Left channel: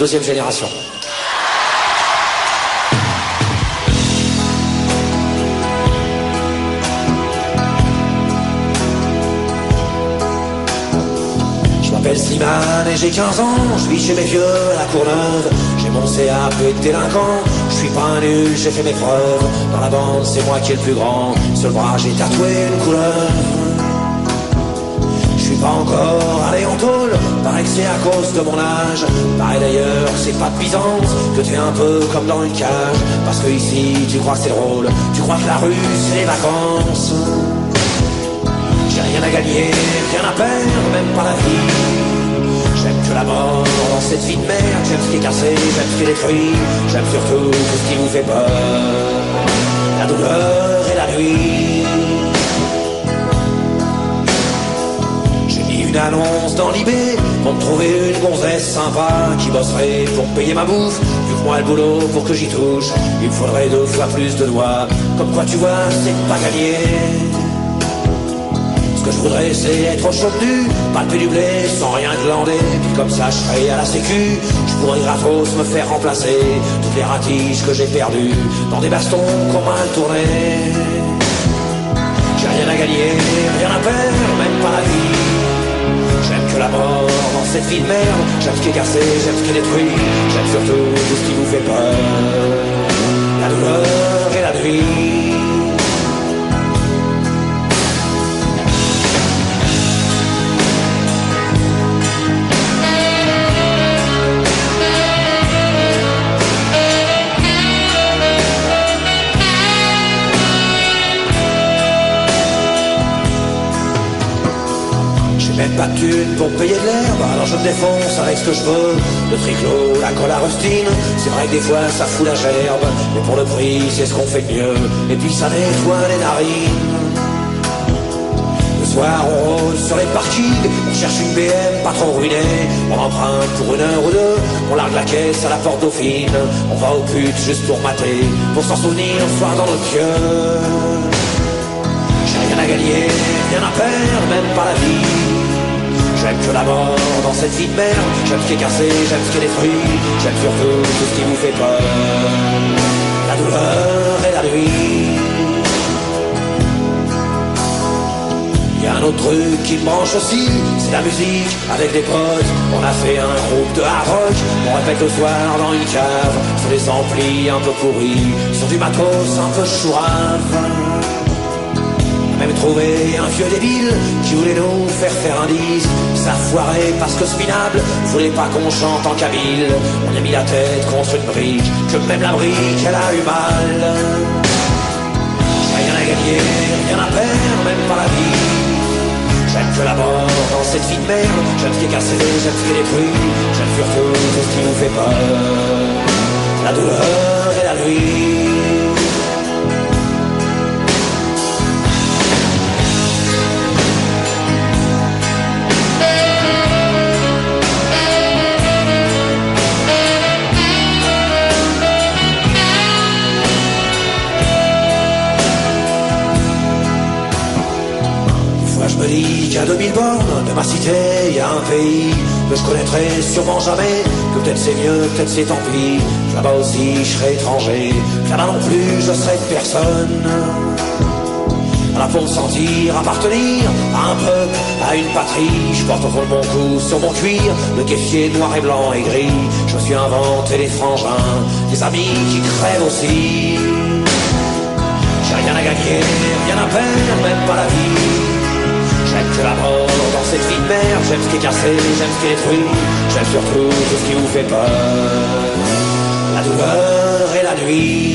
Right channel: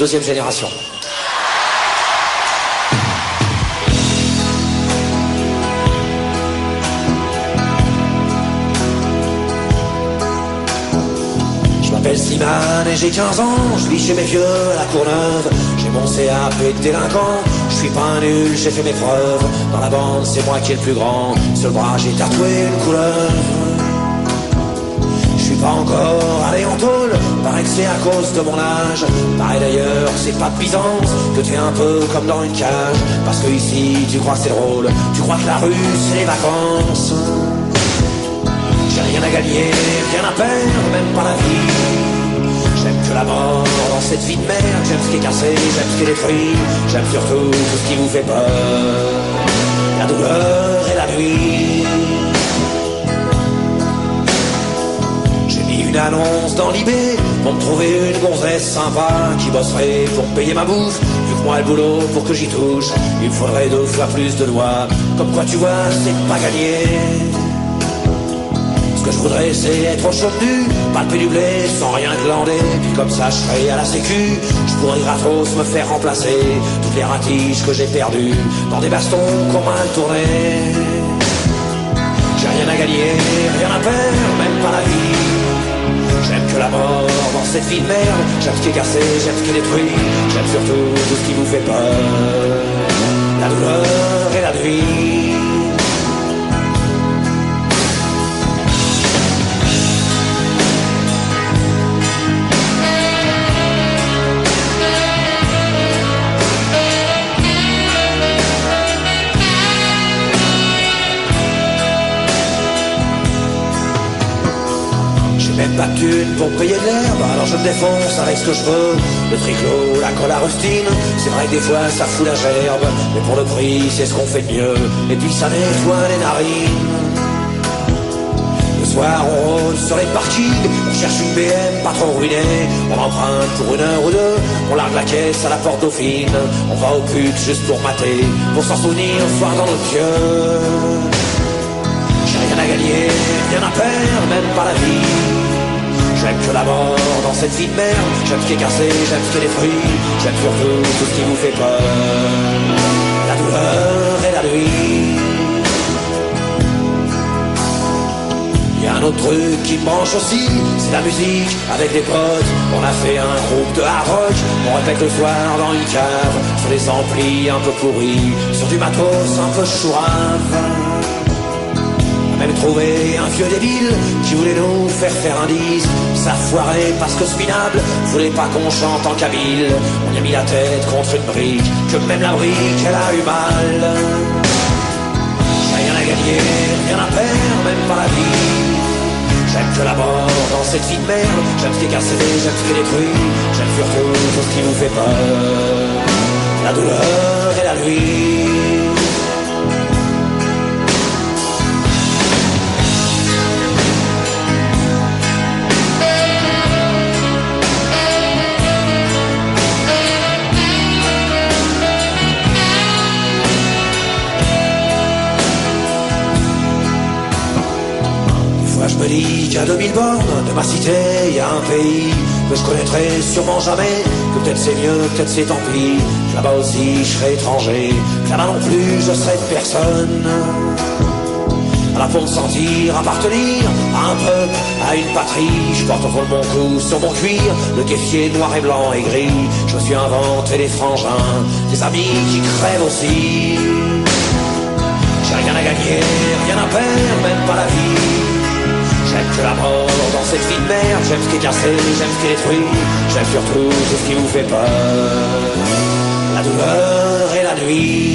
Deuxième génération. Je m'appelle Slimane et j'ai 15 ans. Je vis chez mes vieux à la Courneuve. J'ai mon CAP de délinquant. Je suis pas un nul, j'ai fait mes preuves. Dans la bande, c'est moi qui est le plus grand. Sur le bras, j'ai tatoué une couleur. Je suis pas encore allé en tôle. Paraît que c'est à cause de mon âge. Pareil d'ailleurs, c'est pas de Byzance que t'es un peu comme dans une cage. Parce que ici, tu crois que c'est drôle. Tu crois que la rue, c'est les vacances. J'ai rien à gagner, rien à perdre, même pas la vie. J'aime que la mort dans cette vie de merde. J'aime ce qui est cassé, j'aime ce qui est détruit. J'aime surtout tout ce qui vous fait peur. La douleur et la nuit. J'ai mis une annonce dans l'IB pour me trouver une gonzesse sympa qui bosserait pour me payer ma bouffe. Vu que moi le boulot pour que j'y touche, il me faudrait 2 fois plus de doigts. Comme quoi tu vois, c'est pas gagné. Ce que je voudrais c'est être au chaud nu, palper du blé sans rien glander. Puis comme ça je serais à la sécu, je pourrais gratos me faire remplacer toutes les ratiges que j'ai perdues dans des bastons qu'on m'a tourné. J'ai rien à gagner, rien à perdre, même pas la vie. J'aime que la mort dans cette vie de merde. J'aime ce qui est cassé, j'aime ce qui est détruit. J'aime surtout tout ce qui vous fait peur. La douleur et la nuit. Même pas de thunes pour payer de l'herbe, alors je me défonce avec ce que je veux. Le tricot, la colle à rustine, c'est vrai que des fois ça fout la gerbe, mais pour le prix c'est ce qu'on fait de mieux, et puis ça nettoie les narines. Le soir on rôde sur les parkings, on cherche une BM pas trop ruinée, on emprunte pour 1 heure ou 2, on largue la caisse à la porte Dauphine, on va aux putes juste pour mater, pour s'en souvenir le soir dans notre pieu. J'ai rien à gagner, rien à perdre, même pas la vie. J'aime que la mort dans cette vie de merde. J'aime ce qui est cassé, j'aime ce qui est détruit. J'aime surtout tout ce qui vous fait peur. La douleur et la nuit. Il y a un autre truc qui me branche aussi, c'est la musique avec des potes. On a fait un groupe de hard rock, on répète le soir dans une cave, sur des amplis un peu pourris, sur du matos un peu chourave. Même trouvé un vieux débile qui voulait nous faire un disque. Ça foirait parce que Spinable voulait pas qu'on chante en kabyle. On a mis la tête contre une brique, que même la brique elle a eu mal. J'ai rien à gagner, rien à perdre, même pas la vie. J'aime que la mort dans cette vie de merde. J'aime ce qui est cassé, j'aime ce qui est détruit. J'aime surtout tout ce qui vous fait peur. La douleur et la nuit. Je me dis qu'à 2000 bornes de ma cité, il y a un pays que je connaîtrai sûrement jamais, que peut-être c'est mieux, peut-être c'est tant pis, que là-bas aussi je serai étranger, que là-bas non plus je serai personne. Là pour me sentir appartenir à un peuple, à une patrie, je porte au fond de mon cou, sur mon cuir, le keffier noir et blanc et gris. Je me suis inventé des frangins, des amis qui crèvent aussi. J'ai rien à gagner, rien à perdre, même pas la vie. J'aime que la mort dans cette vie de merde. J'aime ce qui est cassé, j'aime ce qui est détruit. J'aime surtout tout ce qui vous fait peur. La douleur et la nuit.